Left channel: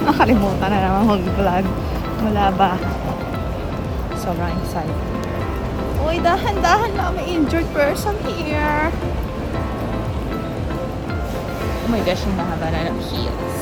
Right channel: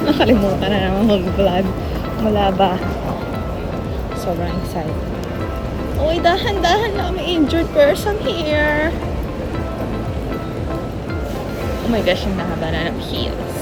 Nakalimutan na naman mag-vlog. Wala ba? Sobrang excited. Uy, dahan-dahan na may injured person here. Oh my gosh, yung mahaba na ng heels.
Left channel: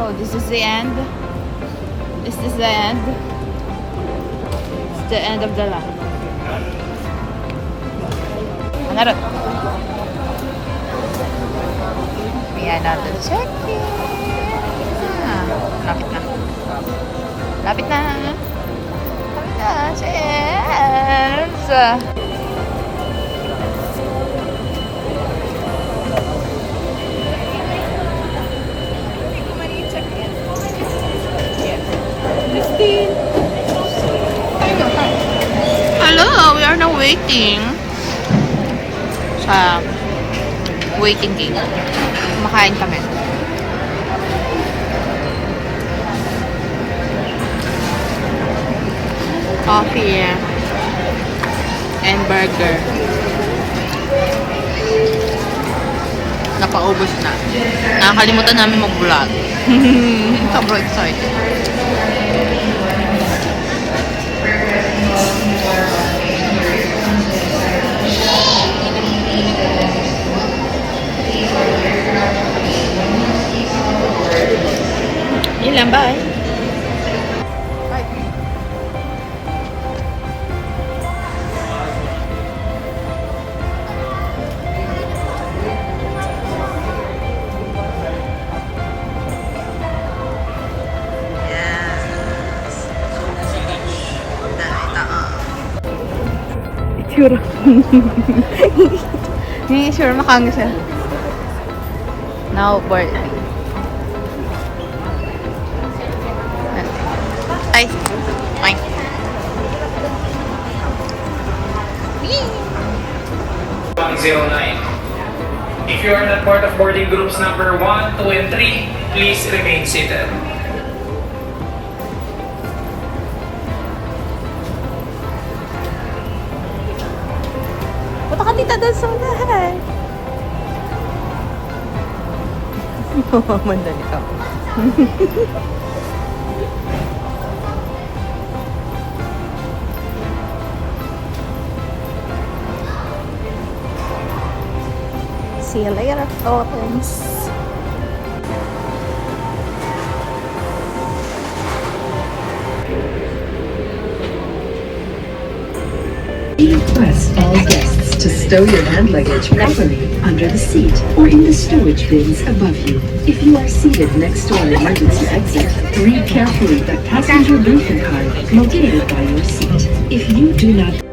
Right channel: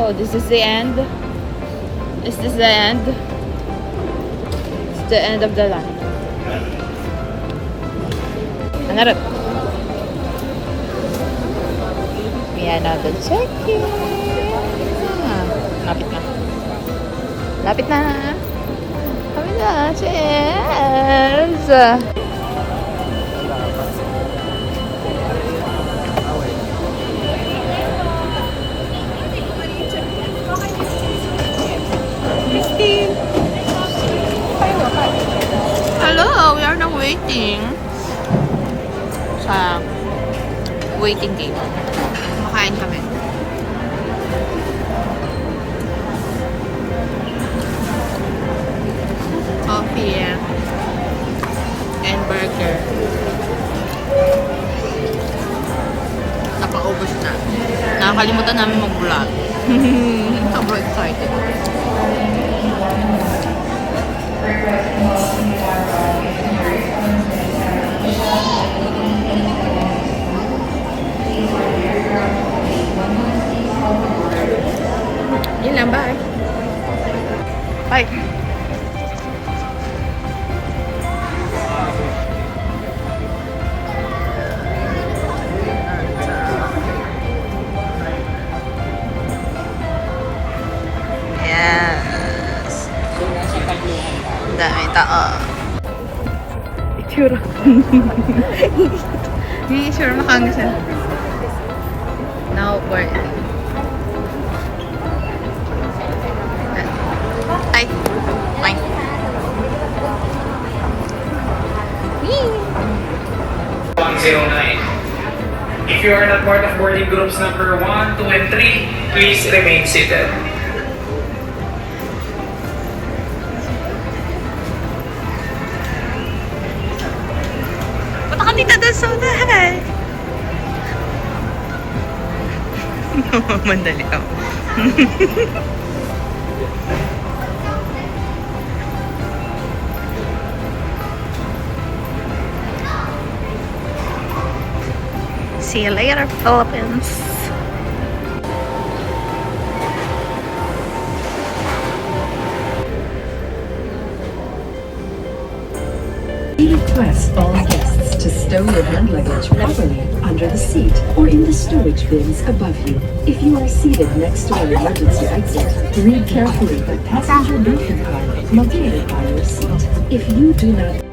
Oh, this is the end. Is this the end? The end of the run. Another. We are not the second. Lapit na. Lapit na. Yes. Hello, we are now waiting sa waiting gate. Kumakain kami. Coffee and burger. Napaubos na. Nakakalimutan namin mag-vlog. Sobrang excited. Yun lang, bye. Bye. Yes. Dami tao. Itsura. Hindi sure makanga siya. Now, board. Hi. Fine. 109. If you are not part of boarding groups number 1, 2, and 3, please remain seated. Punta ka tita doon sa unahan. Mandali ka. See you later, Philippines. We request all guests to stow your hand luggage properly under the seat or in the stowage bins above you. If you are seated next to an emergency exit, read carefully the passenger briefing card located by your seat. If you do not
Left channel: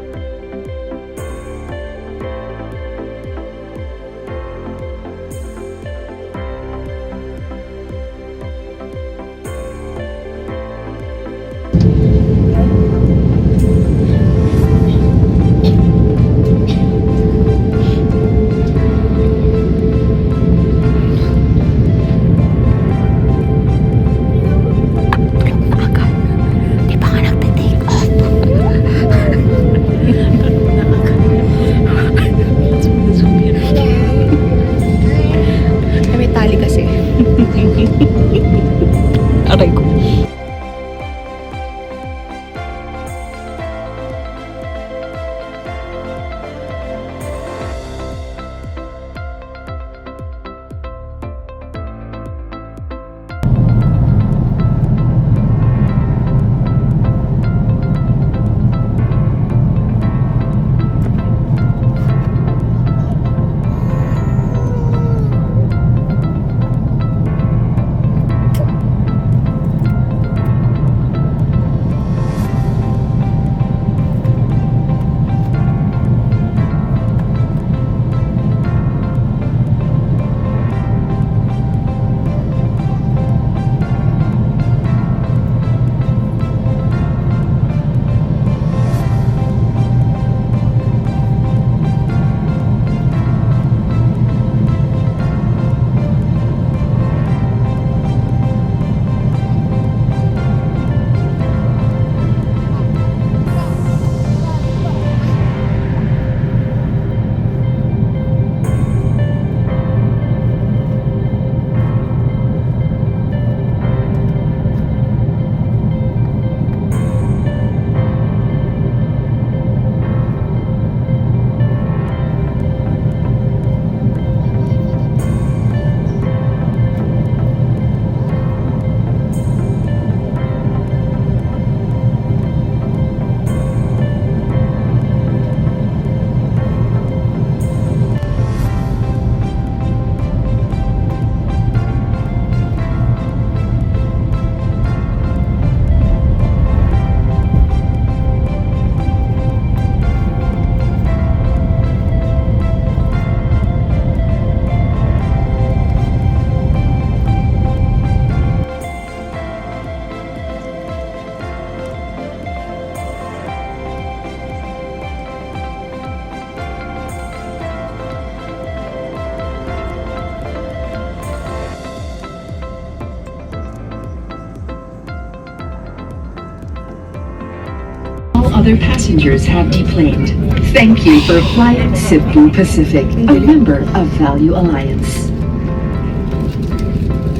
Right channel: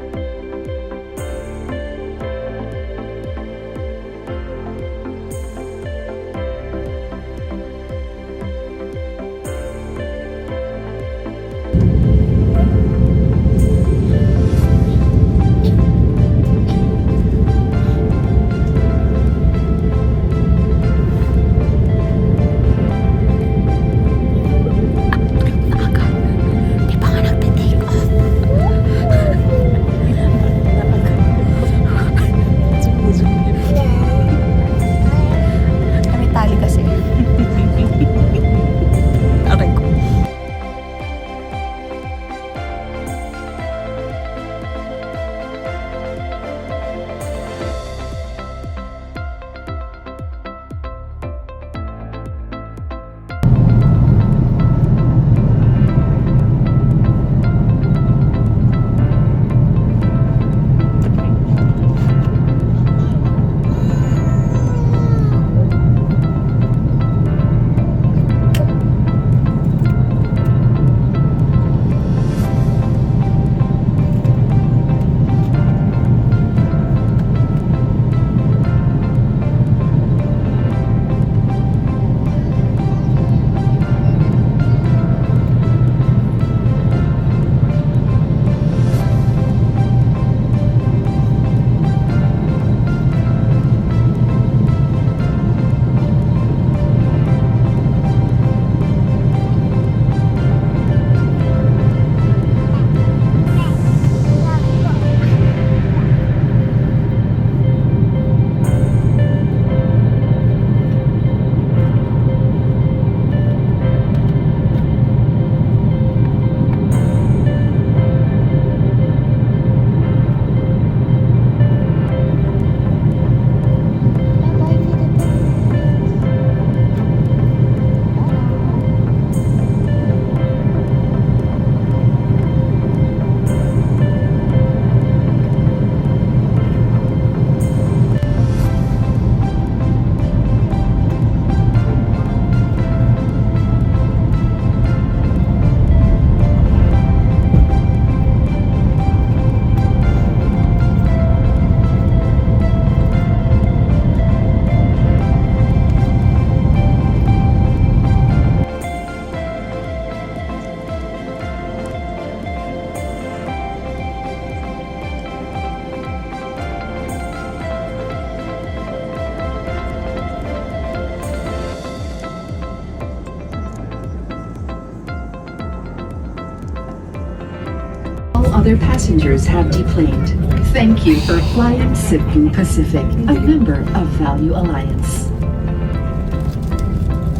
other passengers have deplaned. Thank you for flying Cebu Pacific, a member of Value Alliance.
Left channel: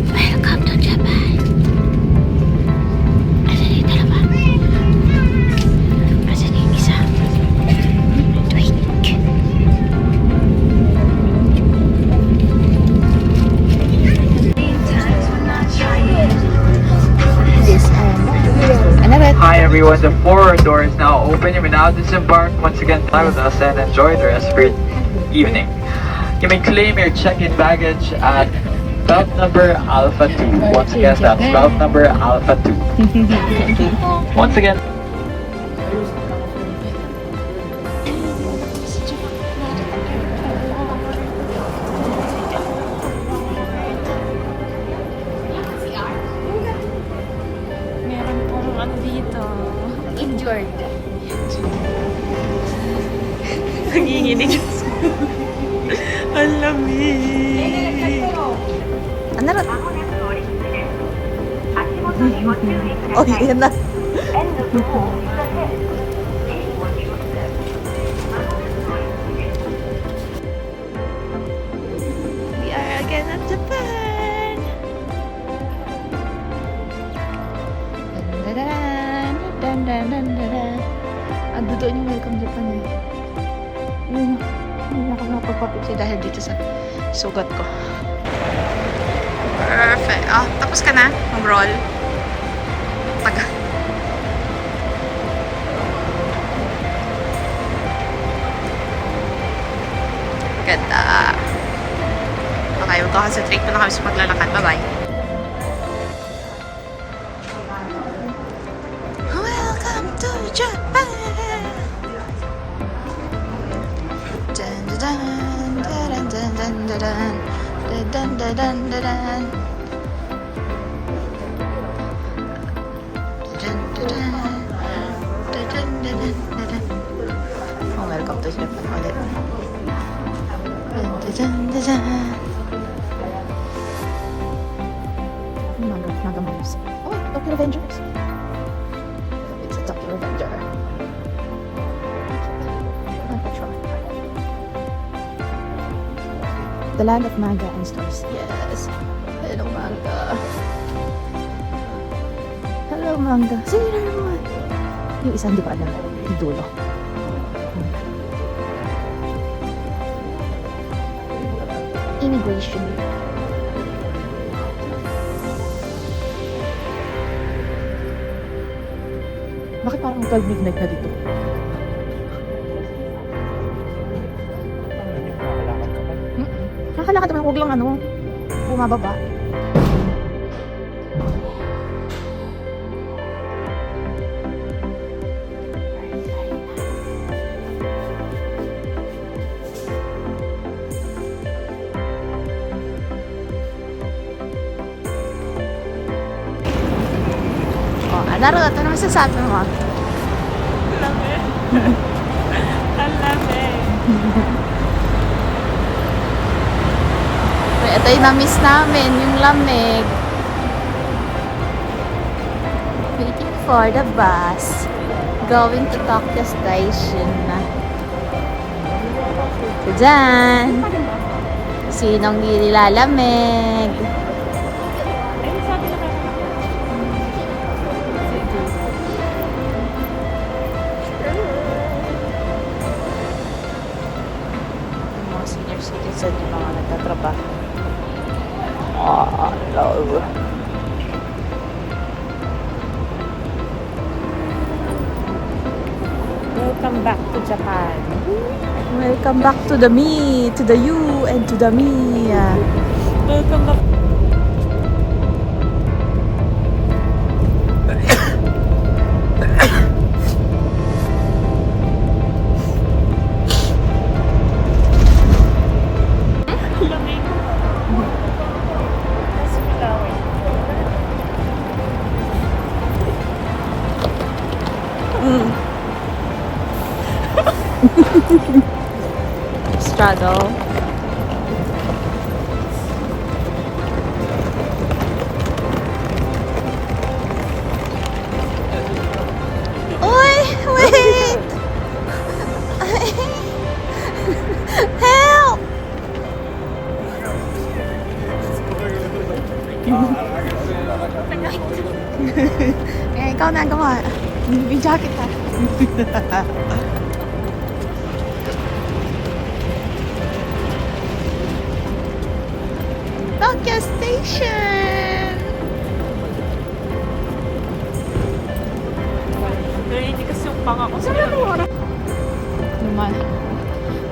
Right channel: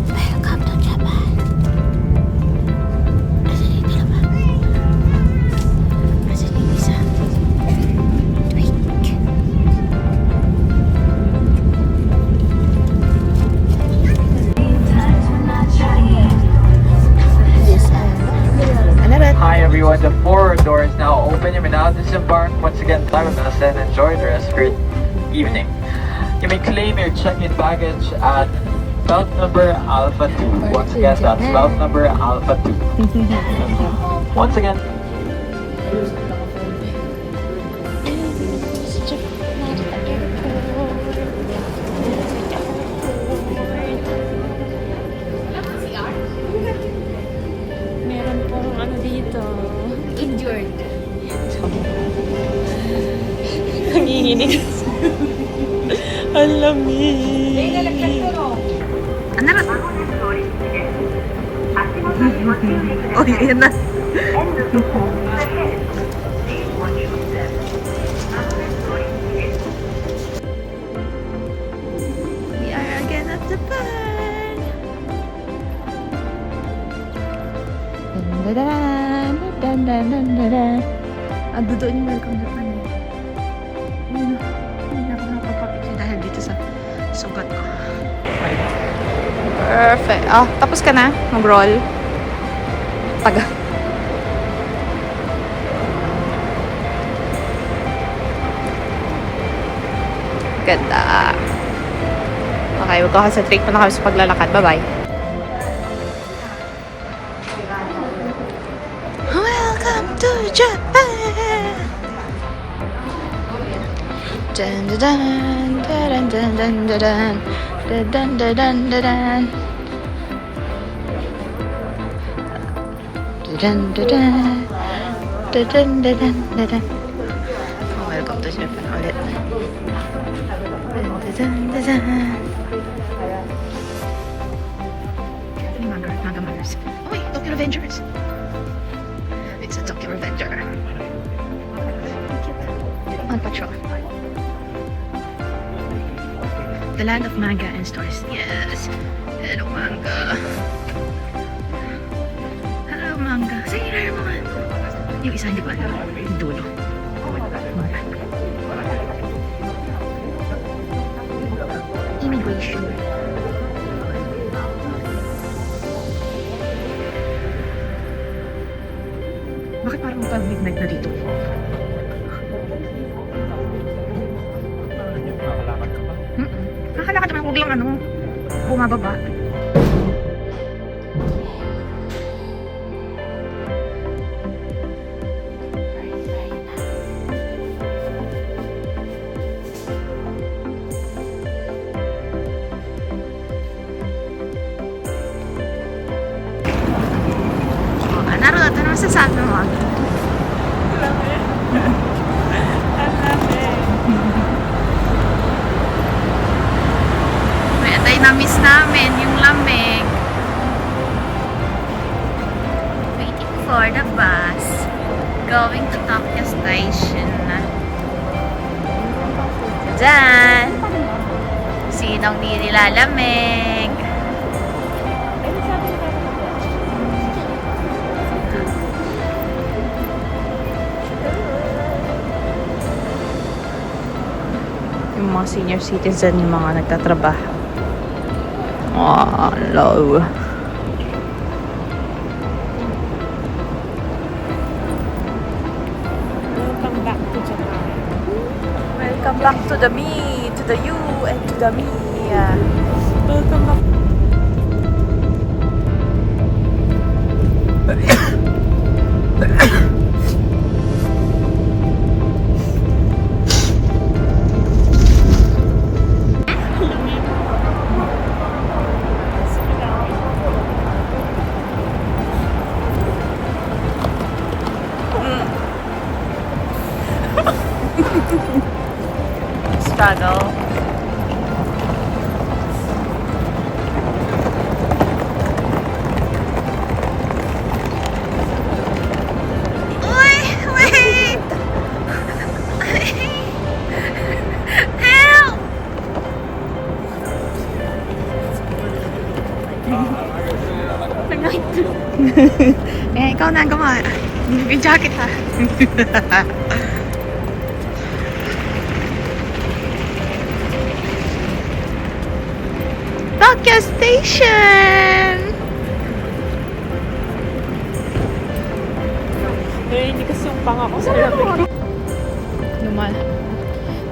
Welcome to Japan. Asan yung dalawa? Asan yung isa? Tweak. Hi everyone, the forward door is now open. You may now disembark. Once again, fly with us and enjoy the rest of your evening. You may claim your check-in baggage at belt number Alpha 2. Once again, that's belt number Alpha 2. Once again, Ano dito? Injured. Nanginginig. Ang lamig. Ano na? Oh, yan na. We are again at Japan. Dan. Ando doon yung Welcome Japan eh. Ayun o. Hindi na ako nakapagpapicture dahil dito sa sugat ko. Perfect. Oh, tapos ka na mag-roll. Taga. Ganda. Okay, magkakaconcentrate pa na kami sa paglalakad. Bye-bye. Welcome to Japan. Dun dun dun dun dun dun dun dun dun dun dun dun. Dun dun dun dun dun dun dun dun. Oh, welcome to Japan ulit. Dun dun dun dun dun. Nagamars. Oh wait, Tokyo Revengers. It's a Tokyo Revenger. On patrol. The land of manga and stores. Yes. Hello, manga. Hello, manga. Sailor Moon. Yung isa hindi pa alam. Yung dulo. Immigration. Bakit parang 12 midnight na dito? Nakakalakad naman, huwag lang bumababa. Laro, ano masasabi mo? Lamig. Ang lamig. Ito yung na-miss namin, yung lamig. Waiting for the bus. Going to Tokyo Station. Diyan. Sinong nilalamig? Mga senior citizen, yung mga nagtatrabaho. Oh, hello. Welcome back to Japan. Welcome back to the me, to the you, and to the me. Welcome back. Struggle. Eh, ikaw na gumawa. Yung jacket ha. Tokyo Station! Pero hindi kasi yung pangako.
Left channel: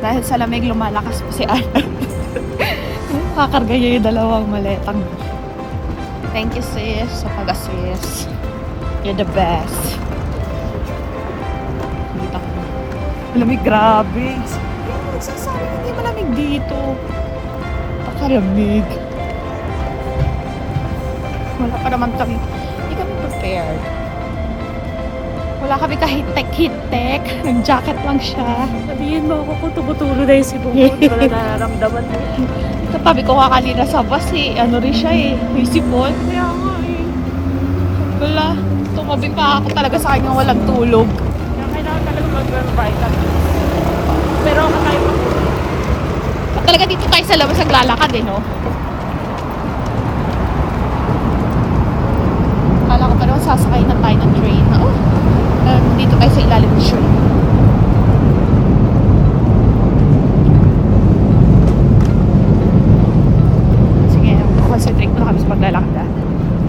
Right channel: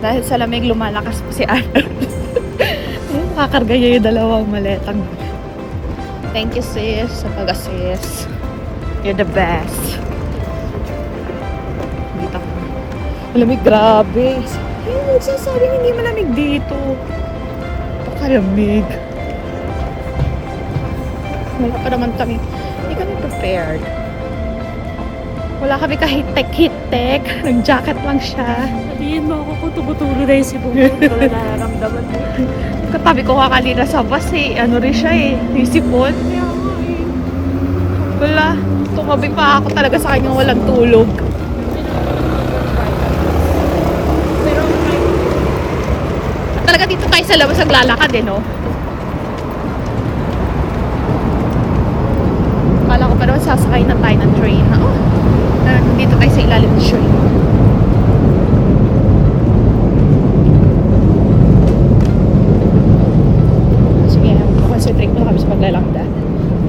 Dahil sa lamig, lumalakas po si Arnold. Makakarga niya yung dalawang maletang. Thank you, sis, sa pag-assist. You're the best. Dito ko. Malamig, grabe. No, sasabi hindi malamig dito. Pakalamig. Wala pa naman kami. Hindi kami prepared. Wala kami ka-hit-tech. Nag-jacket lang siya. Sabihin mo ako kung tumutulo na yung sibong ko. Hindi ko na nararamdaman mo. Sabi ko nga kanina sa bus eh, ano rin siya eh, yung sipon. Kaya nga eh. Wala, tumabing pa ako talaga sa kanya walang tulog. Kailangan talaga mag-vitamin. Pero okay. Talaga dito tayo sa labas naglalakad eh, no? Kala ko pa naman sasakay na tayo ng train. Oh, dito tayo sa ilalim ng train. Sige, concentrate na kami sa paglalakad.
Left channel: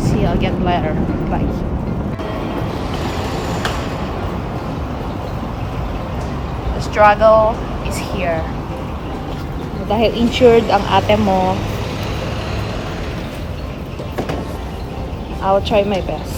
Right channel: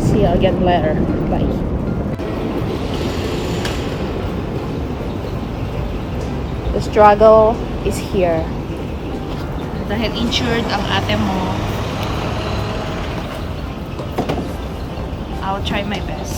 See you again later. Bye. The struggle is here. Dahil insured ang ate mo, I'll try my best.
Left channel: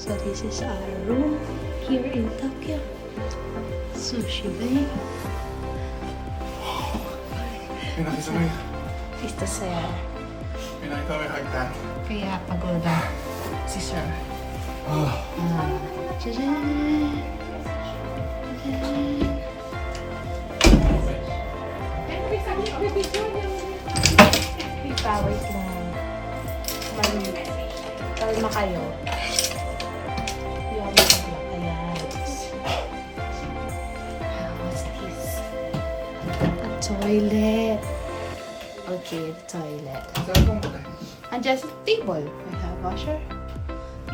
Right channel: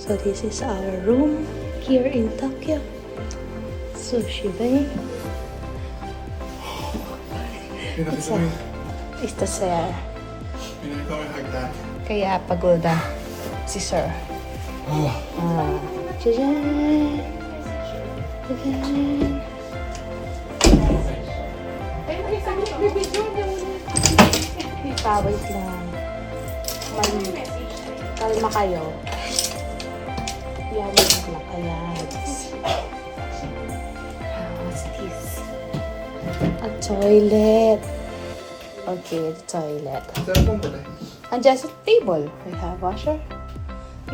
So this is our room here in Tokyo. Sushi Bay. Ito sir. Kaya pagoda si sir. Jajan! Jajan! Wait lang. Kalma kayo. Yan lang. Ayan. What's this? A toilet. Okay, the toilet. And just a table. We have washer.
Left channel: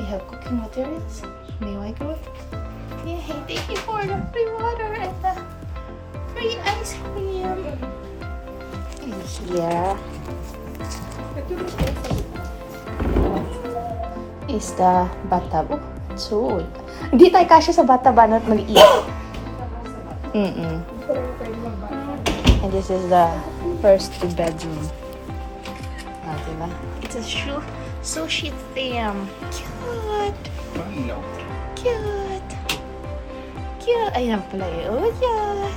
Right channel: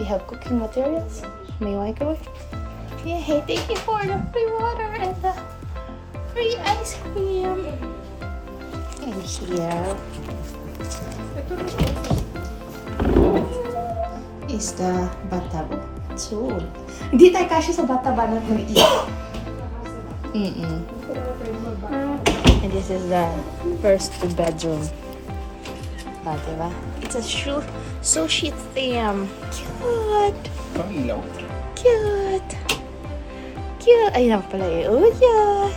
We have cooking materials. May microwave. Yeah, hey, thank you for the free water and the free ice cream. And here is the bathtub. So, hindi tayo kasya sa bathtub na maliit. And this is the first bedroom. Diba? It's a sushi theme. Cute! Cute! Cute! Ay, na pala eh. Oh, yeah!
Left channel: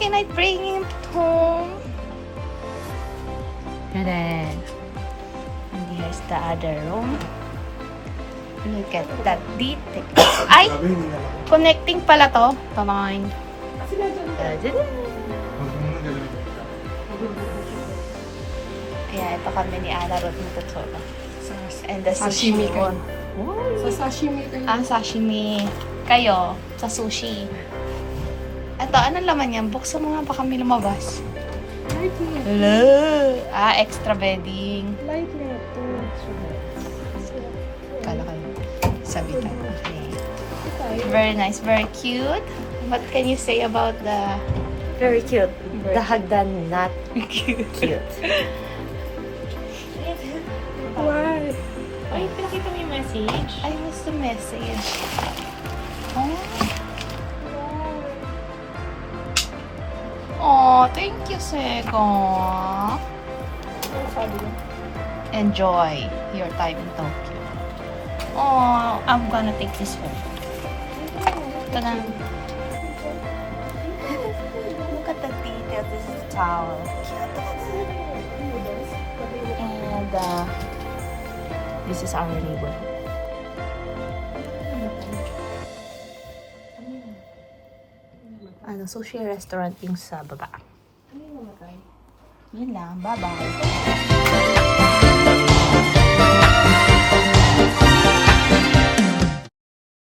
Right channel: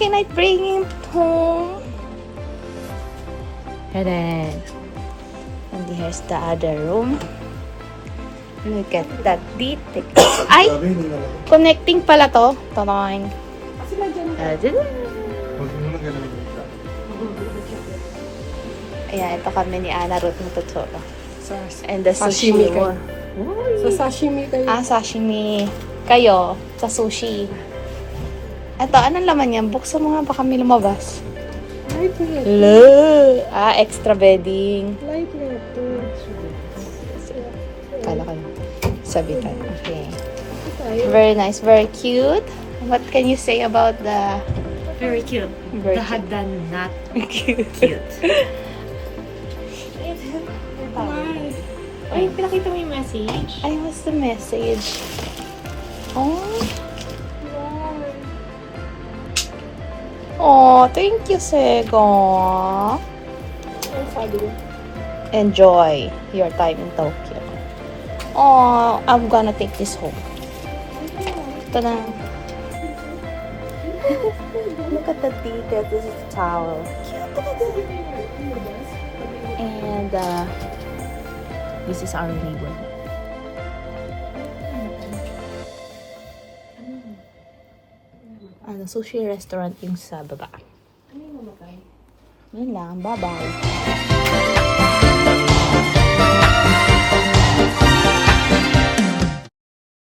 Can I bring it home? And then, and here's the other room. Look at that detail. Ay! Connecting pala to. Tamay. Ayan, ito kami ni Ana Ruth ng Totoro. And the sushi ko. Sa sashimi kayo. Sashimi. Kayo, sa sushi. Ito, anong laman yan? Buksan mo nga, baka may lumabas. Extra bedding. Light na ito. Kala ko na. Sabi ko. Very nice, very cute. What can you say about the... Very cute. Very The hagdan not cute. Why? Ay, pinakita mo yung message. Ay, what's the message? Oh. Oh, thank you, Sego. Enjoy your time in Tokyo. Oh, I'm gonna take this home. Ito na. Look at the detail. This is towel. And this is our table. Ano, sushi restaurant yung sa baba. Yun lang. Bye-bye.